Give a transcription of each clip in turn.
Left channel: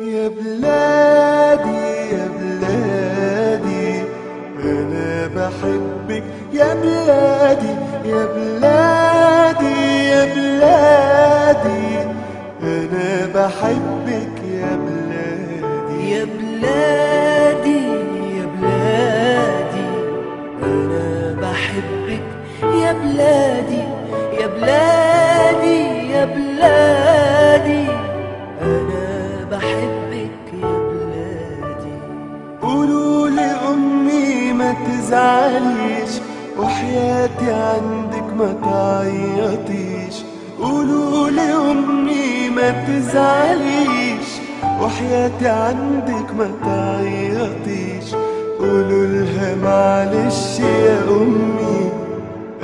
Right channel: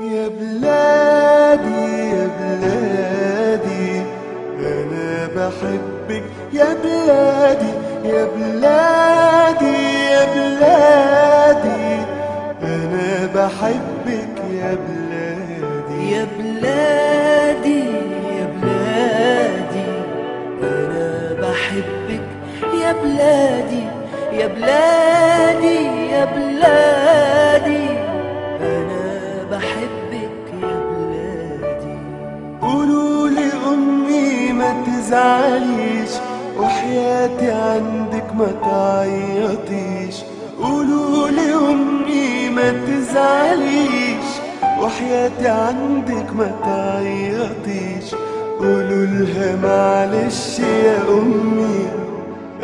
يا بلادي يا بلادي أنا بحبك يا بلادي يا بلادي يا بلادي أنا بحبك يا بلادي يا بلادي يا بلادي أنا بحبك يا بلادي يا بلادي يا بلادي أنا بحبك يا بلادي. قولوا لأمي ما تزعليش وحياتي عندك ما تعيطيش. قولوا لأمي ما تزعليش وحياتي عندك ما تعيطيش. قولوا لها معلش يا أمي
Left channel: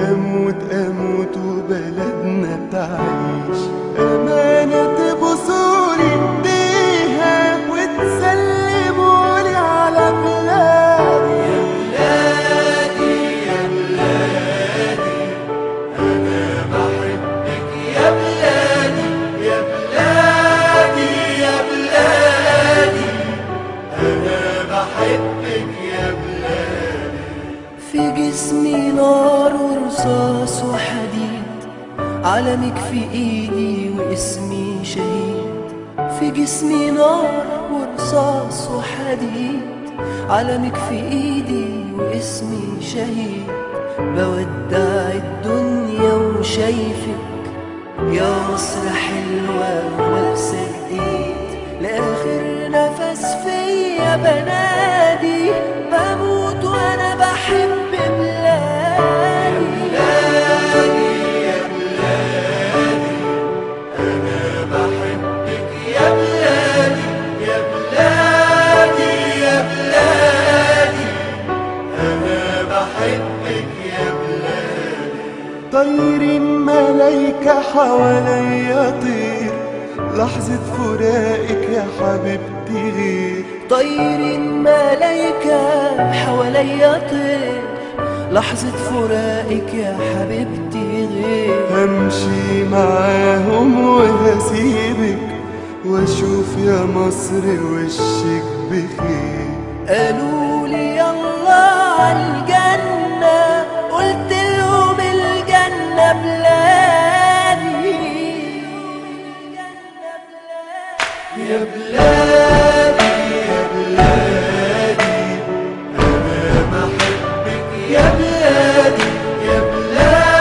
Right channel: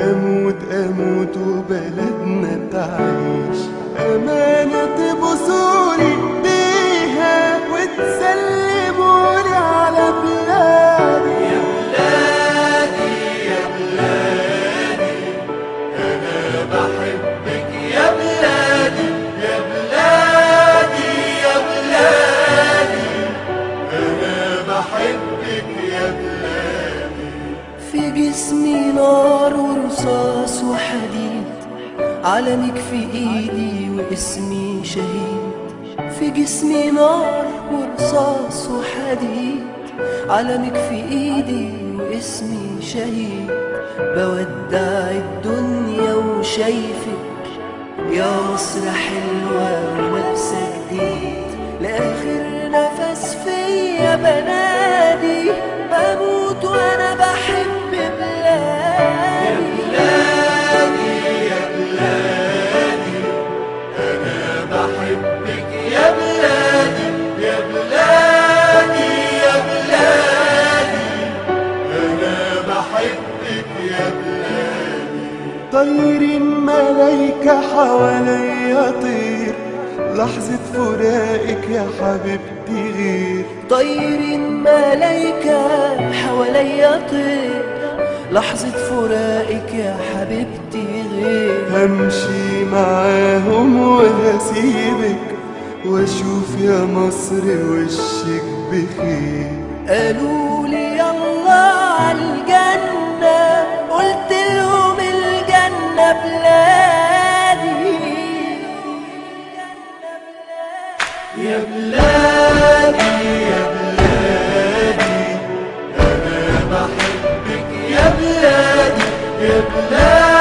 أموت أموت وبلدنا تعيش. أمانة تبوسولي إيديها وتسلمولي على بلادي. يا بلادي يا بلادي أنا بحبك يا بلادي يا بلادي يا بلادي أنا بحبك يا بلادي. في جسمي نار ورصاص وحديد، علمك في ايدي واسمي شهيد. في جسمي نار ورصاص وحديد، علمك في ايدي واسمي شهيد. بودع الدنيا وشايفك يا مصر حلوة ولابسة جديد. لآخر نفس فيا بنادي بموت وانا بحب بلادي. يا بلادي أنا بحبك يا بلادي يا بلادي يا بلادي أنا بحبك يا بلادي. طيرين ملايكة حواليا طير لحظة فراقك يا حبيبتي غير. طيرين ملايكة حواليا طير لحظة فراقك يا حبيبتي غير. همشي معاهم وهسيبك واشوف يا مصر وشك بخير. قالوا لي يلا عالجنة، قلت لهم الجنة بلادي. يا بلادي يا بلادي أنا بحبك يا بلادي يا بلادي